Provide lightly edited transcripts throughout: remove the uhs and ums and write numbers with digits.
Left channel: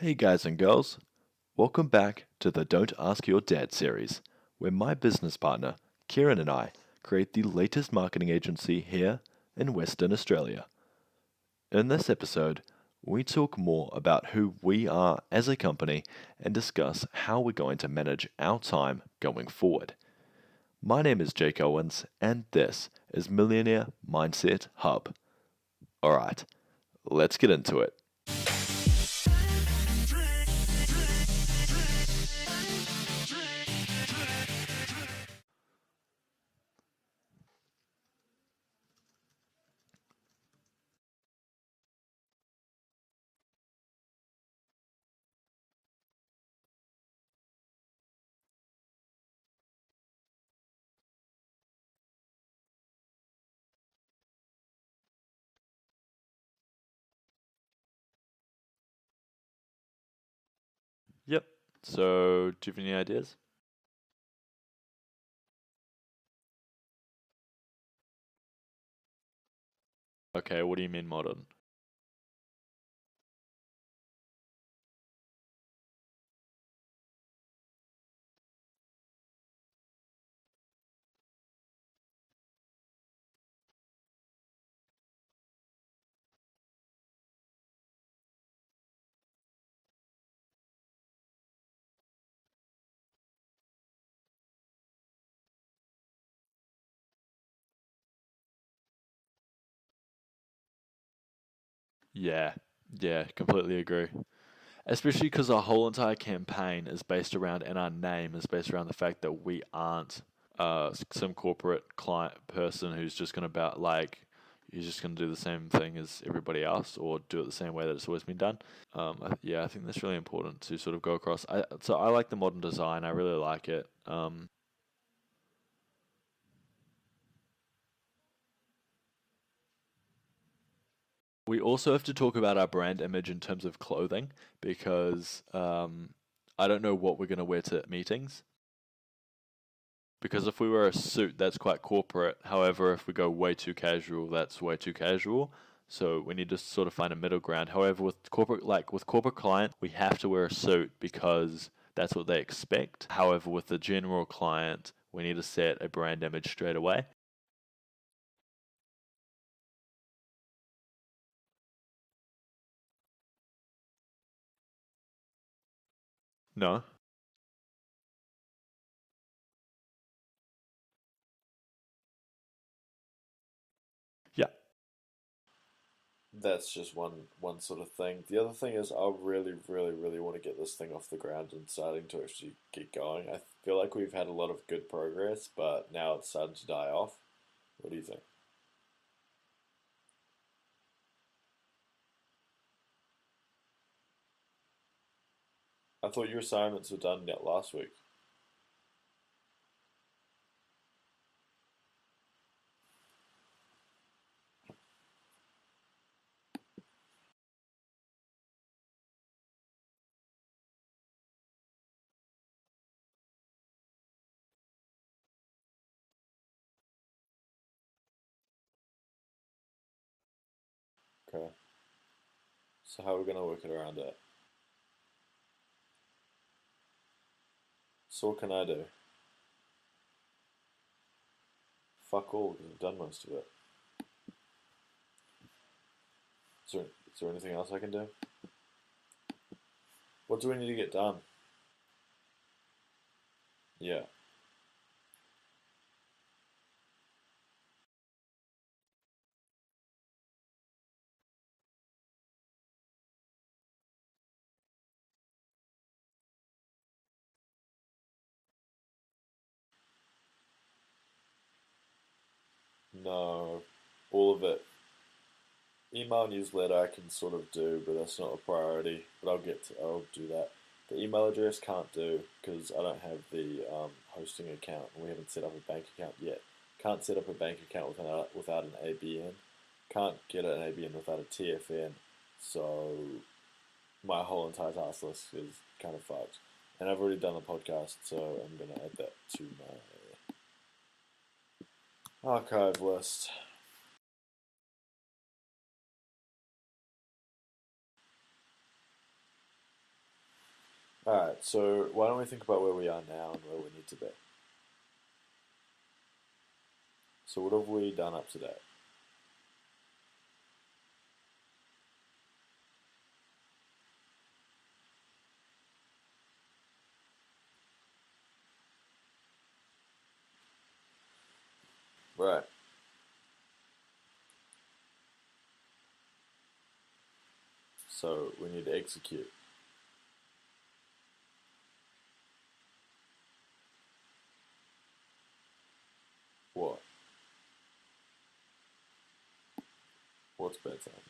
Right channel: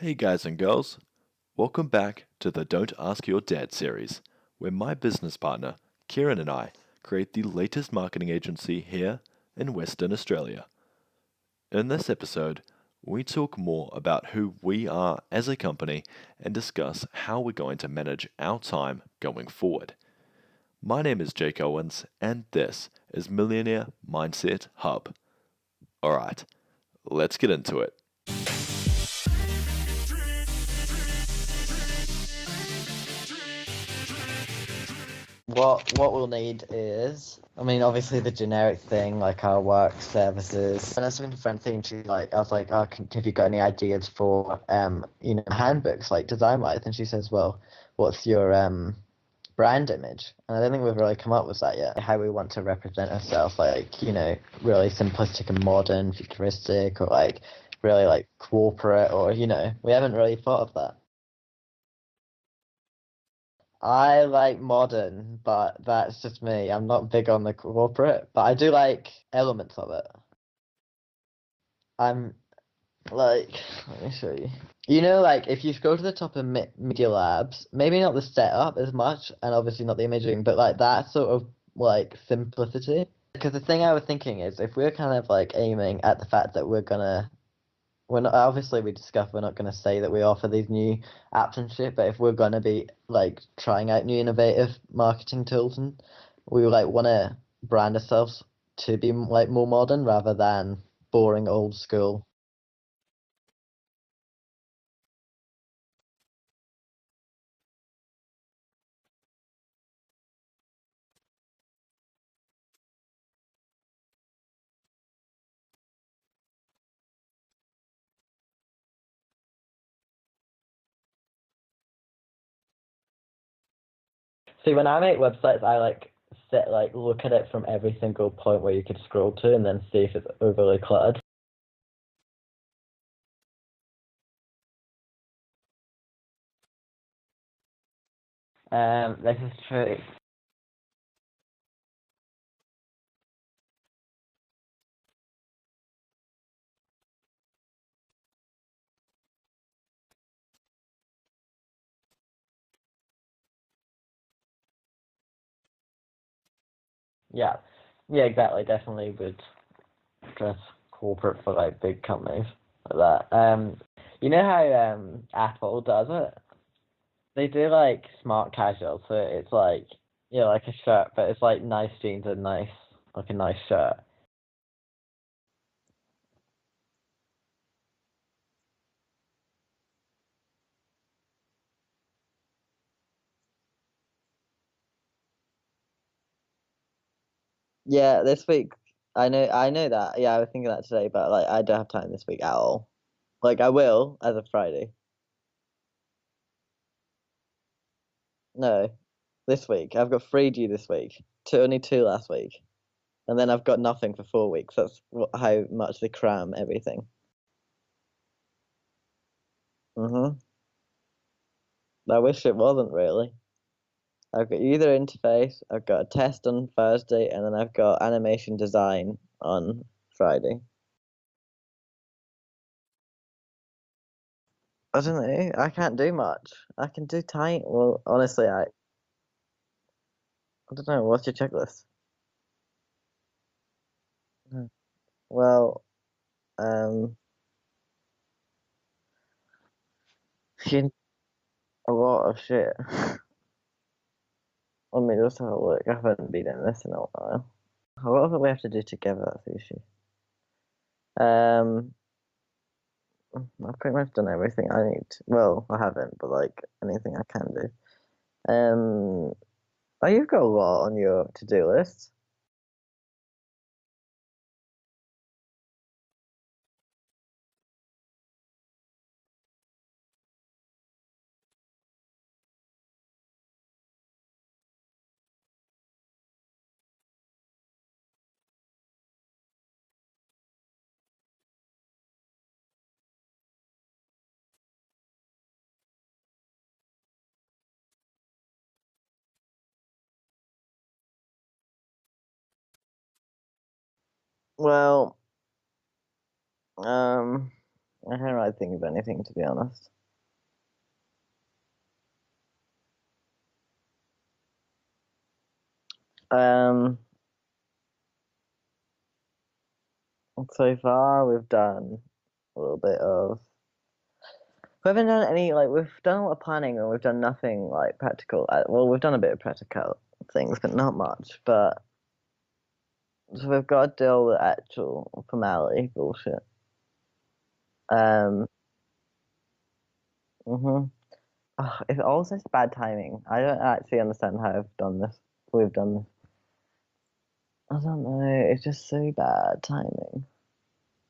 Hey guys and girls, welcome back to the Don't Ask Your Dad series, where my business partner, Kieran, and I create the latest marketing agency here in Western Australia. In this episode, we talk more about who we are as a company and discuss how we're going to manage our time going forward. My name is Jake Owens, and this is Millionaire Mindset Hub. Alright, let's get into it. What we'll need is, obviously the generic thing like our work services. And I was talking to a friend thing, I was like, oh, have you got any ideas for, handbooks like design wise? And she says, well, what's your brand image? And I don't think we've really come up with that yet. How we want to represent ourselves, really simplistic and modern, futuristic, or really corporate, or we haven't really thought of that. Yep. So, do you have any ideas? I like modern, but that's just me. I'm not big on the corporate, but I do like elements of it. Okay, what do you mean modern? I'm like, let me show you. If you go to the top of Media Labs, maybe not the setup as much, and obviously not the imaging, but like that sort of simplicity. Because the thing I was thinking is, if we're kind of aiming at the fact that we're not, obviously we discussed we're not going to say that we offer these new apps and shit, but if we're going to be trying out new innovative marketing tools, and we want to brand ourselves to be more modern rather than boring old school. Yeah, completely agree. Especially because our whole entire campaign is based around, and our name is based around the fact that we aren't some corporate client person who's just going to he's just going to do the same thing as everybody else or do it the same way that it's always been done. I think that's really important to sort of go across. So I like the modern design. I really like it. See, when I make websites, I look at it from every single point where you could scroll to, and then see if it's overly cluttered. We also have to talk about our brand image in terms of clothing because I don't know what we're going to wear to meetings. This is true. Because if we wear a suit, that's quite corporate. However, if we go way too casual, that's way too casual. So we need to sort of find a middle ground. However, with corporate client, we have to wear a suit because that's what they expect. However, with the general client, we need to set a brand image straight away. Yeah, yeah, exactly. Definitely would dress corporate for big companies like that. You know how Apple does it? No. They do smart casual, so it's like a shirt, but it's nice jeans and a nice shirt. Yeah. That's just one sort of thing. The other thing is I really, really, really want to get this thing off the ground and starting to actually get going. I feel like we've had a lot of good progress, but now it's starting to die off. What do you Yeah, think? this week I know that. Yeah, I was thinking that today, but I don't have time this week at all. I will as of Friday. I thought your assignments were done yet last week. No, this week I've got three due this week. Only two last week, and then I've got nothing for 4 weeks. That's how much they cram everything. I wish it wasn't really. I've got user interface, I've got a test on Thursday, and then I've got animation design on Friday. Okay. So how are we gonna work it around it? I don't know. I can't do much. I can do tiny. Well, So what honestly, can I I do? don't know. What's your checklist? Fuck all, because I've done most of it. Well, Is there, um, is there anything else I can do? What do we need to you get done? a lot of shit. Yeah. Let me just have a look. I haven't been in this in a while. A lot of it we have to do together. That's the issue. Um, I've pretty much done everything I need. Well, I haven't, but anything I can do. Oh, you've got a lot on your to-do list. No. All of it. Email newsletter I can sort of do, but that's not a priority. But I'll do that. The email address can't do because I don't have the hosting account. We haven't set up a bank account yet. Can't set up a bank account without an ABN. Can't get an ABN without a TFN. So my whole entire task list is kind of fucked. And I've already done the podcast, so I'm gonna add that to my archive list. Well, um, I can't really think of anything, to be honest. Alright, so why don't we think about where we are now and where we need to be? Um, So what have we done up to date? so far we've done a little bit of. We haven't done any we've done a lot of planning and we've done nothing like practical. Well, we've done a bit of practical things, but not much. But Right. so we've got to deal with actual formality bullshit. So we need to execute. Mhm. It's all such bad timing. I don't actually understand how I've done this. We've done this. What? I don't know. It's just so bad timing. What's bad timing?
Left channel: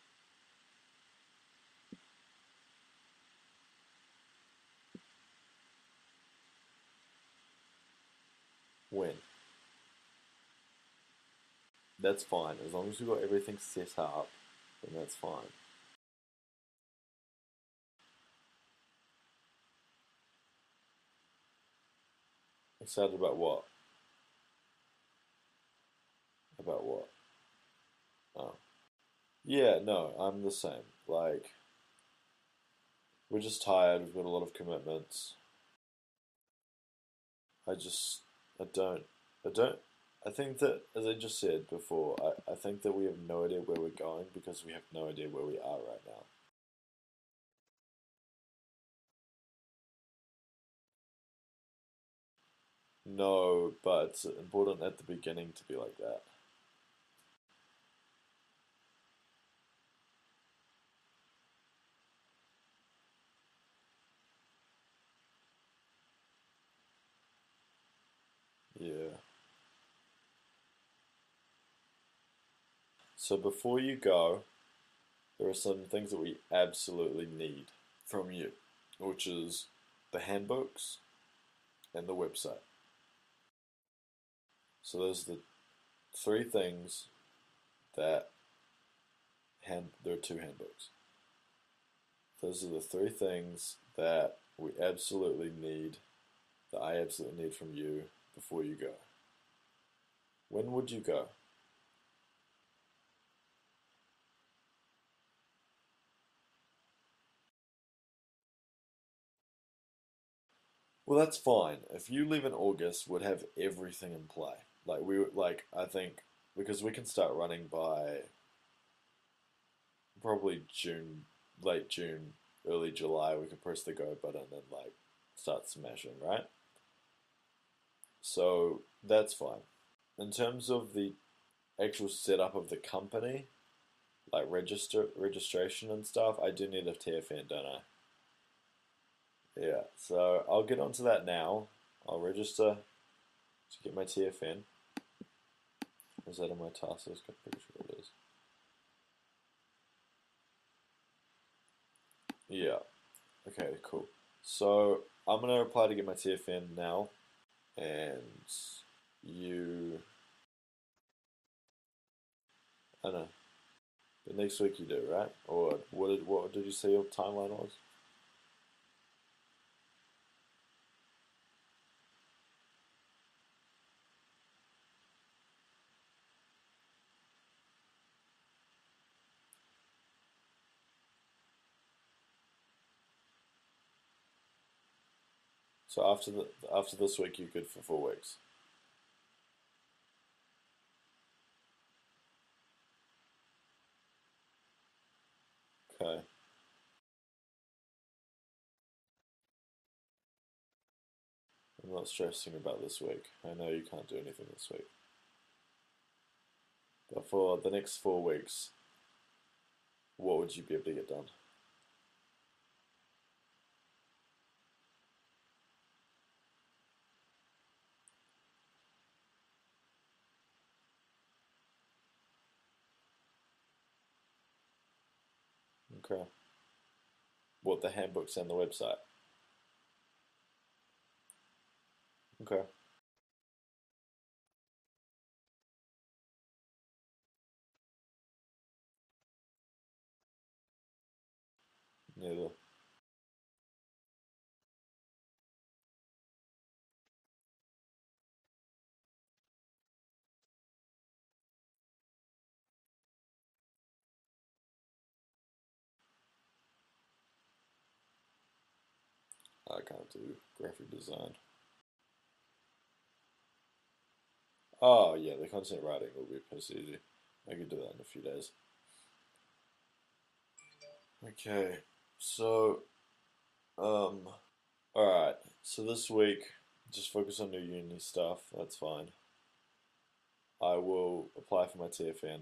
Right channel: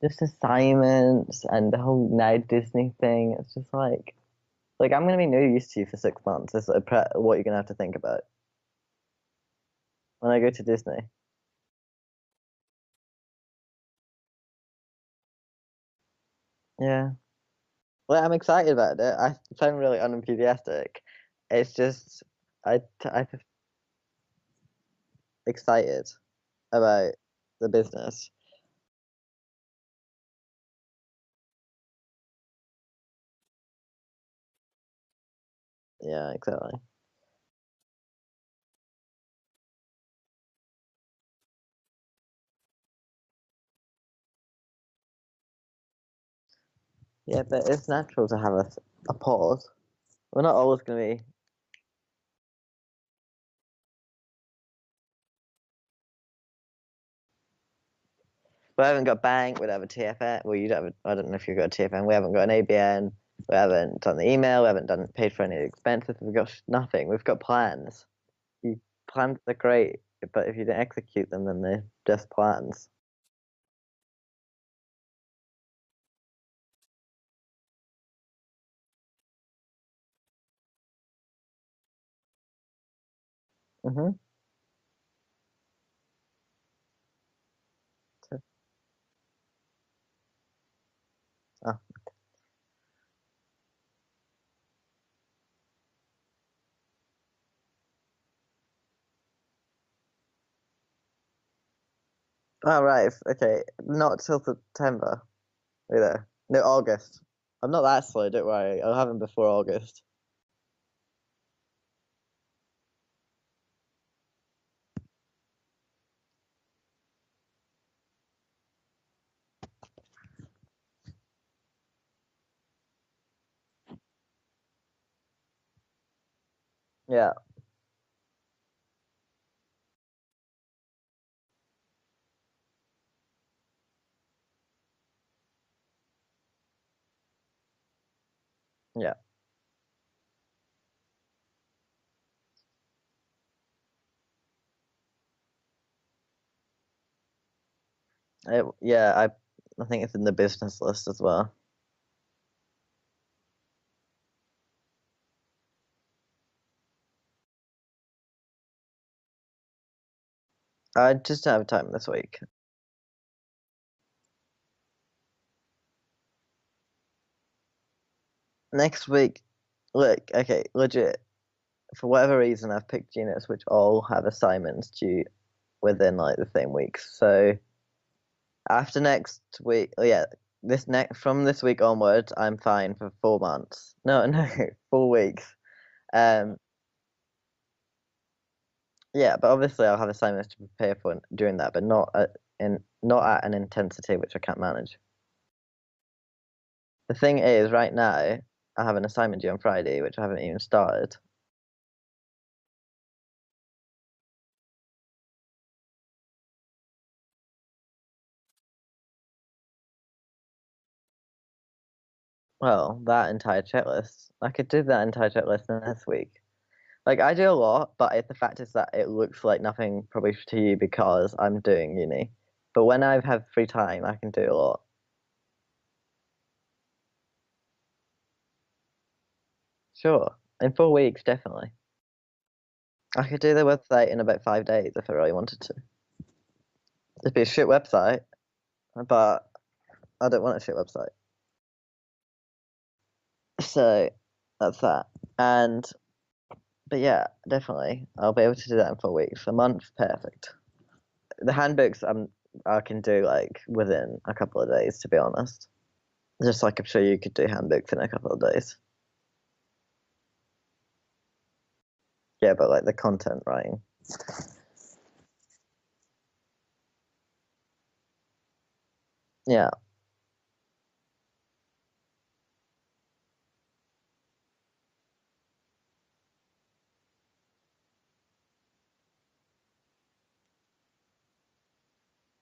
Just assignments and the whole now Disney thing. It's just like I'm gonna be no use to you for 6 months. It's what you're gonna have to think about When? when I go to Disney. That's fine. As long as we've got everything set up, then that's fine. Yeah. Well, I'm excited about it. I sound really unenthusiastic. It's just Excited I about what? excited About about the business. what? Oh. Yeah, no, I'm the same. Like, we're just tired. We've got a lot of commitments. Yeah, exactly. I just, I don't, I don't. I think that, as I just said before, I think that we have no idea where we're going because we have no idea where we are right now. Yeah, but it's natural to have a pause. We're not always gonna be. No, but it's important at the beginning to be like that. We haven't got bank. We don't have a TFN. Well, you don't have. I don't know if you've got a TFN. We haven't got an ABN. We haven't done the email. We haven't done paid for any expenses. We've got nothing. We've got plans. Yeah. Plans are great, but if you don't execute them, then they're just plans. So before you go, there are some things that we absolutely need from you, which is the handbooks and the website. Mhm. So those are the three things that there are two handbooks. Oh. Those are the three things that we absolutely need, that I absolutely need from you before you go. When would you go? Oh, right. Okay. Not till September. Either. No, August. I'm not that slow. Don't worry. I'll have them before August. Well, that's fine. If you leave in August, we'd have everything in play. I think because we can start running by probably June, late June, early July. We can press the go button and like start smashing, right? Yeah. So that's fine. In terms of the actual setup of the company, like registration and stuff, I do need a TFN, don't I? Yeah. Yeah. So I'll get onto that now. I'll register to get my TFN. Is that on my task list? I'm pretty sure it is. Yeah. I think it's in the business list as well. Yeah. Okay, cool. So I'm gonna apply to get my TFN now, and you, I just don't have time this week. I know, but next week you do, right? Or what did you say your timeline was? Next week, look. Okay. Legit. For whatever reason, I've picked units which all have assignments due within the same weeks. So after next week, oh yeah, from this week onwards, I'm fine for 4 months. No, no, 4 weeks. So Um, after this week, you're good for 4 weeks. yeah, but obviously I'll have assignments to prepare for doing that, but not at an intensity which I can't manage. Okay. The thing is, right now I have an assignment due on Friday, which I haven't even started. I'm not stressing about this week. I know you can't do anything this week. But for the next 4 weeks, what would you be able to get done? Well, that entire checklist, I could do that entire checklist in this week. Like I do a lot, but the fact is that it looks like nothing probably to you because I'm doing uni. But when I have free time, I can do a lot. Okay. What, the handbooks and the website? Sure, in 4 weeks, definitely. Okay. I could do the website in about 5 days if I really wanted to. It'd be a shit website, but I don't want a shit website. Neither. So that's that. But yeah, definitely, I'll be able to do that in 4 weeks. A month, perfect. The handbooks, I can do like within a couple of days, to be honest. Just like I'm sure you could do handbooks in a couple of days. I can't do graphic design. Yeah, but like the content writing. Oh yeah, the content writing will be piss easy. I could do that in a few days. Yeah. Okay, so alright. So this week, just focus on your uni stuff. That's fine. I will apply for my TFN.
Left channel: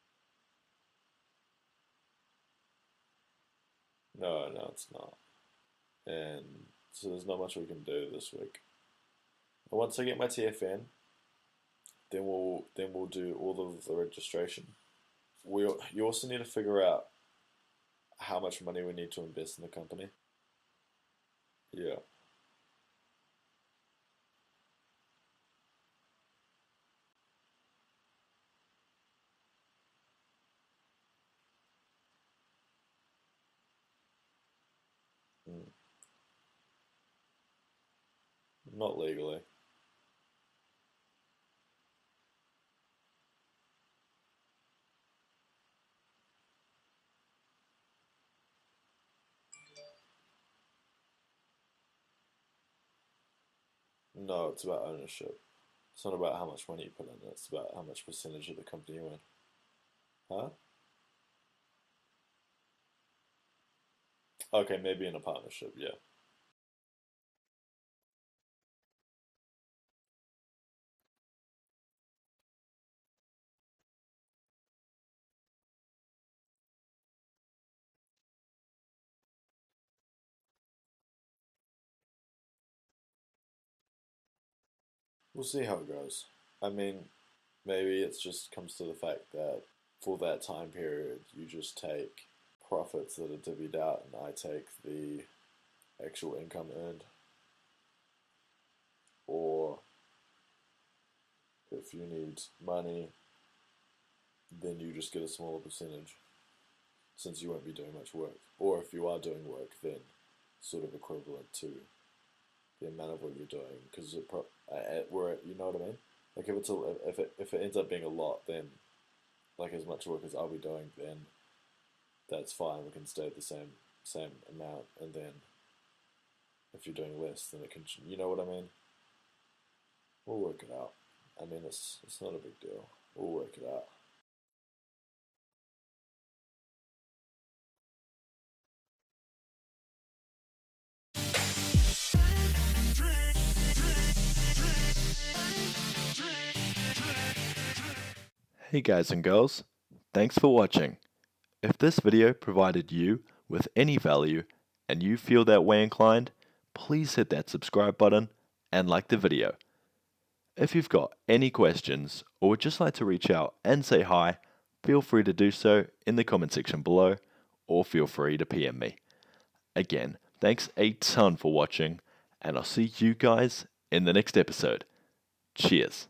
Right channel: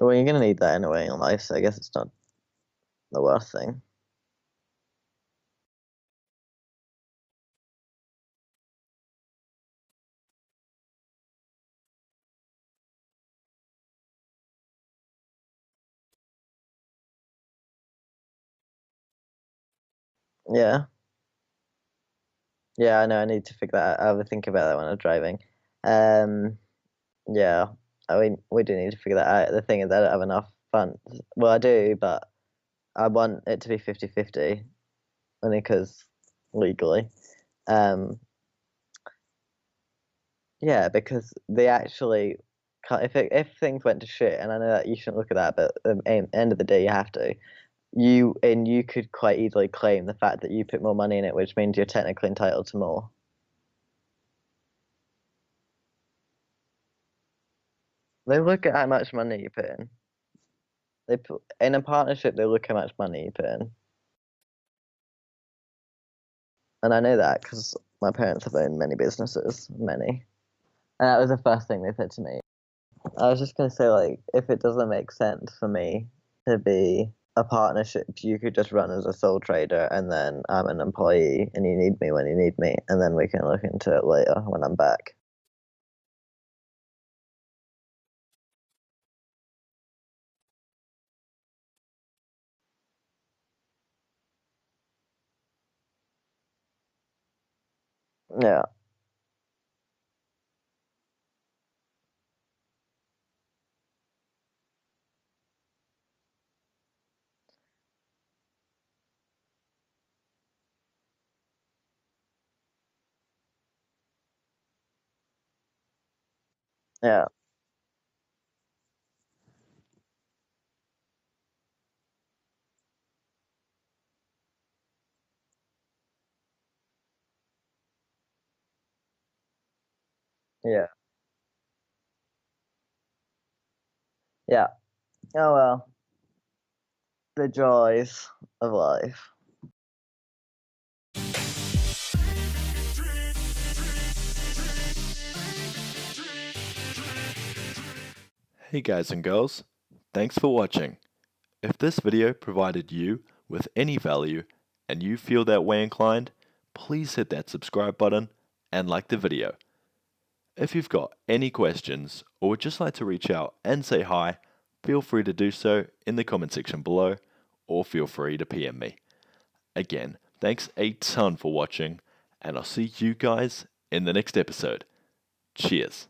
Well, you're gonna need that anyway in life, so I guess it's not the worst thing. No, it's not. And so there's not much we can do this week. And once I get my TFN, then we'll do all of the registration. You also need to figure out how much money we need to invest in the company. Yeah. Yeah. Yeah, I know. I need to figure that out. I would think about that when I'm driving. Yeah. I mean, we do need to figure that out. The thing is, I don't have enough funds. Well, I do, but I want it to be 50-50, only because legally. Not legally. Yeah, because they actually can't. If things went to shit, and I know that you shouldn't look at that, but at the end of the day, you have to. You could quite easily claim the fact that you put more money in it, which means you're technically entitled to more. No, it's about ownership. It's not about how much money you put in. It's about how much percentage. They of look the at how company much you own. money you put in. Huh? They put in a partnership. They look how much money you put in, Okay, maybe in a partnership. Yeah. and I know that because my parents have owned many businesses, many, and that was the first thing they said to me. I was just gonna say, like, if it doesn't make sense for me to be a partnership, you could just run as a sole trader, and then I'm an employee, and you need me when you need me, and then we can look into it later when I'm back. We'll see how it goes. I mean, maybe it just comes to the fact that for that time period, you just take profits that are divvied out, and I take the actual income earned. Yeah. Or if you need money, then you just get a smaller percentage since you won't be doing much work. Or if you are doing work, then sort of equivalent to the amount of what you're doing, because you know what I mean. Like Yeah. if it ends up being a lot, then like as much work as I'll be doing, then that's fine. We can stay at the same amount, and then if you're doing less, then it can. You know what I mean? We'll work it Yeah. out. I mean, it's not a big deal. We'll work it out. Yeah. Oh well. The joys of life. Hey guys and girls, thanks for watching. If this video provided you with any value and you feel that way inclined, please hit that subscribe button and like the video. If you've got any questions or would just like to reach out and say hi, feel free to do so in the comment section below or feel free to PM me. Again, thanks a ton for watching and I'll see you guys in the next episode. Cheers.